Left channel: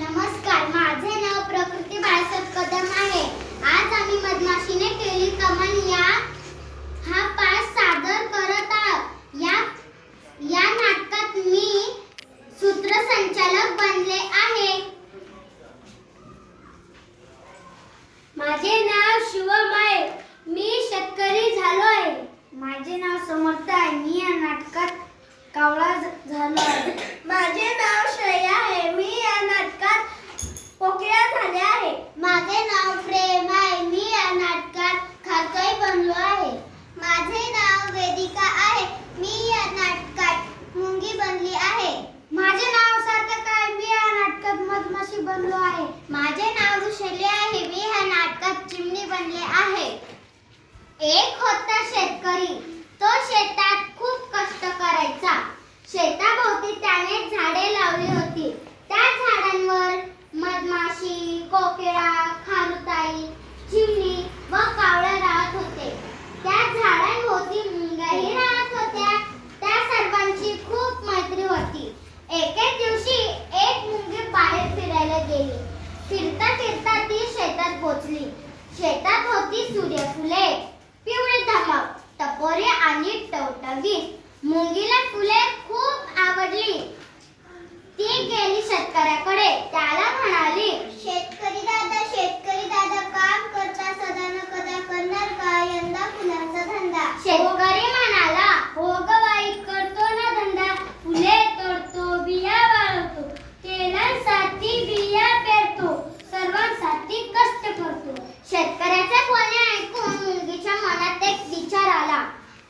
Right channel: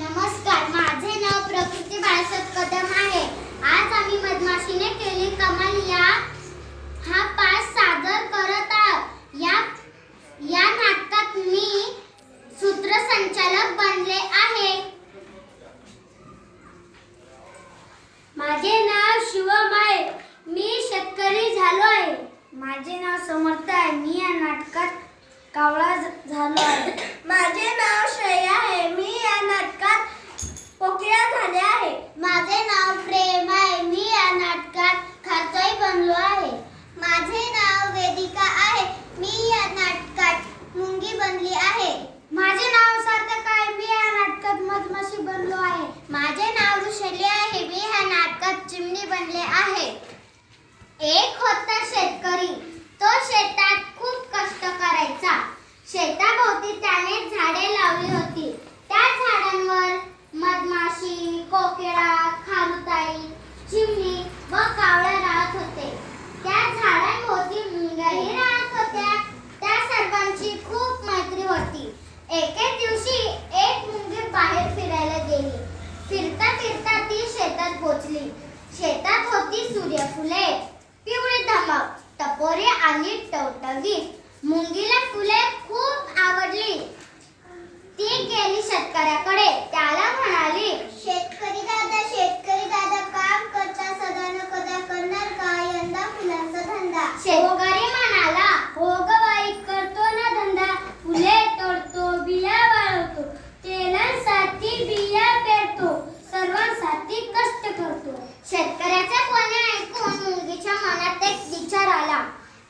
नमस्कार माझे नाव प्रकृती बाळासाहेब कदम आहे. आज आम्ही मधमाशीने केली कमाल. या हा पास सादर करत आहोत. या या नाटकात मी सूत्रसंचालक बनले आहे. माझे नाव शिवम आहे. मी शेतकरी झालो आहे माझे नाव समर्थ आहे. मी या नाटकात कावळा झालो आहे. माझे नाव श्रेया आहे. मी कोकिळा झाले आहे. माझे नाव प्रेम आहे. मी या नाटकात खारकाई बनलो आहे. माझे नाव वेदिका आहे. मी या नाटकात मुंगी बनली आहे. माझे नाव सार्थक आहे. मी या नाटकात मधमाशी बनलो आहे. माझे नाव ऋषली आहे. मी या नाटकात चिमणी बनले आहे. एक होता शेतकरी. तो शेतात खूप कष्ट करायचा शेताभोवती त्याने झाडे लावली होती त्या झाडांवर मधमाशी कोकिळा खारुताई चिमणी व कावळा राहत होते त्या झाडांभोवती मुंग्याही राहत होत्या त्या सर्वांची खूप मैत्री होती एके दिवशी एक मुंगी बाहेर फिरायला गेली फिरता फिरता ती शेतात पोचली शेतात होती सूर्यफुले. पिवळी धमक टपोरे आणि टवटवी. मुंगीला फुले खूप आवडली. ती गेली शेतकऱ्याकडे. त्याला म्हणाली शेतकरी दादा काम करता सदा न कदा करणार का यंदा फुलांचा धंदा शेतकरी म्हणाला हो ग बाई करतो ना धंदा फुले तोडतो बिया वाळवतो तेलांसाठी बिया पेरतो सर्वांसाठी कष्ट करतो शेतकऱ्याचे बोलणे ऐकून मुंगीच्या मनात एक विचार आला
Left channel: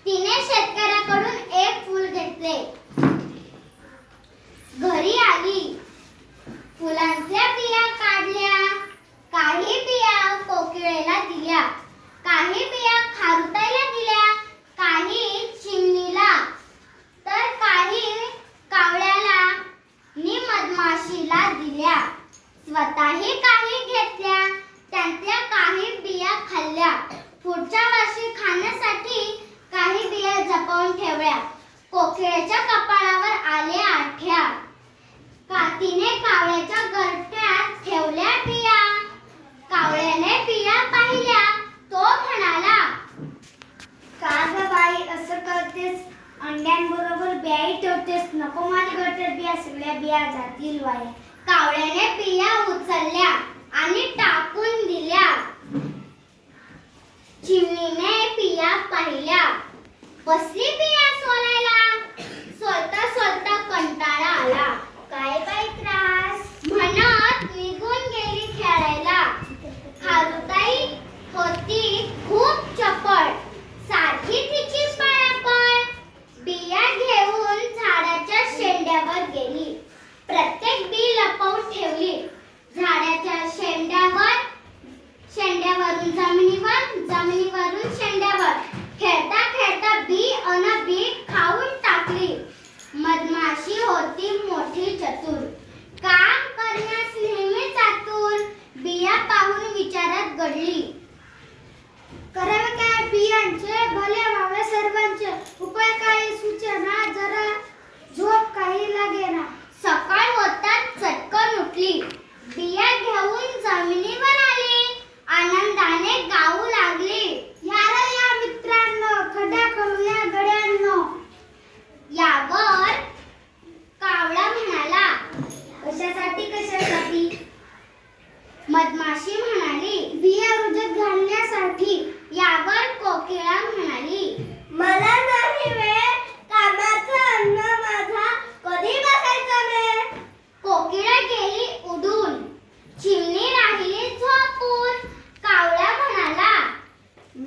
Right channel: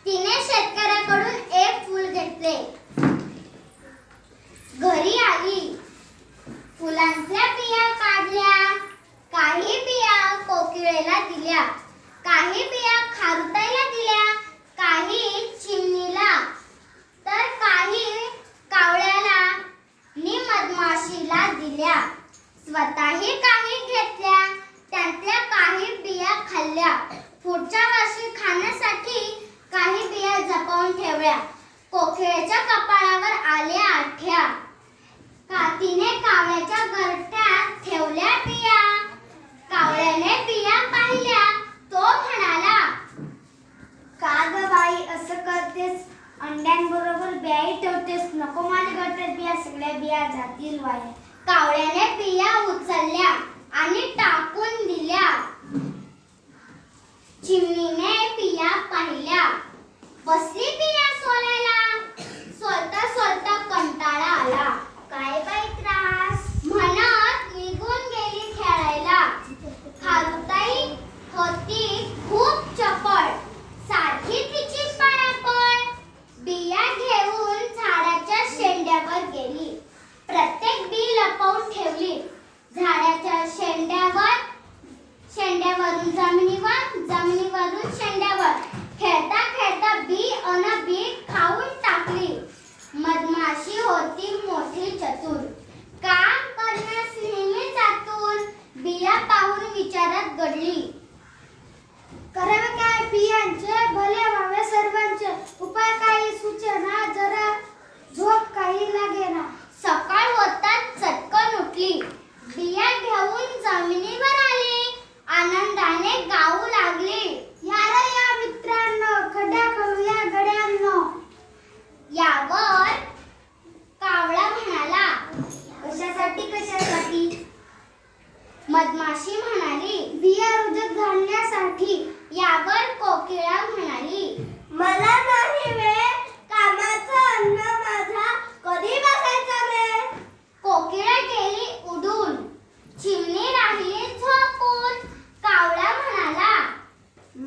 तिने शेतकऱ्याकडून एक फूल घेतले. घरी आली. फुलांच्या बिया काढल्या. काही बिया कोकिळेला दिल्या. काही बिया खारुताईला दिल्या. काही चिमणीला. तर काही कावळ्याला. नि मधमाशीला दिल्या. स्वतःही काही घेतल्या. त्यातल्या काही बिया खाल्ल्या. पुढच्या वर्षी खाण्यासाठी काही बिया जपवून ठेवल्या. कोकिळेच्या कपाळावर आले आठ्या. कातीने कावळ्याच्या गरट्यात ठेवल्या बिया. कावळ्याने बिया पाहिल्या. तो म्हणाला का ग बाई असं करतेस? अंड्यांबरोबर बियाही ठेवतेस? नको माझ्या गरट्यात बिया सगळ्या बिया जातील वाया कावळ्याने बिया उचलल्या. घडली. करावे काय बियांचे भले व्हावे सर्वांचे. उपाय काही सूचना जरा झोप काही लागेल.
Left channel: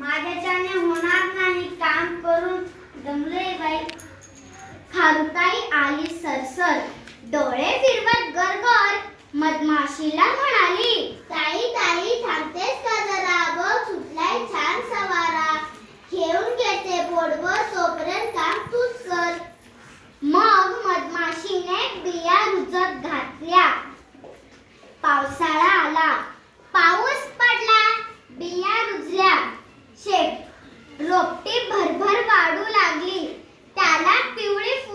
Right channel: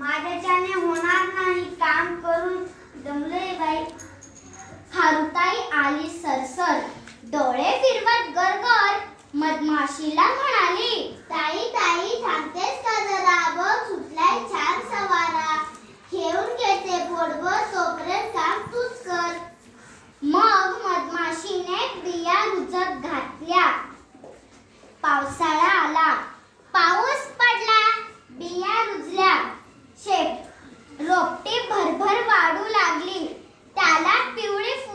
माझ्याच्याने होणार नाही. काम करून दमले बाई. खारुताई आली सरसर. डोळे फिरवत गरगर. मधमाशीला म्हणाली ताई ताई थांबतेस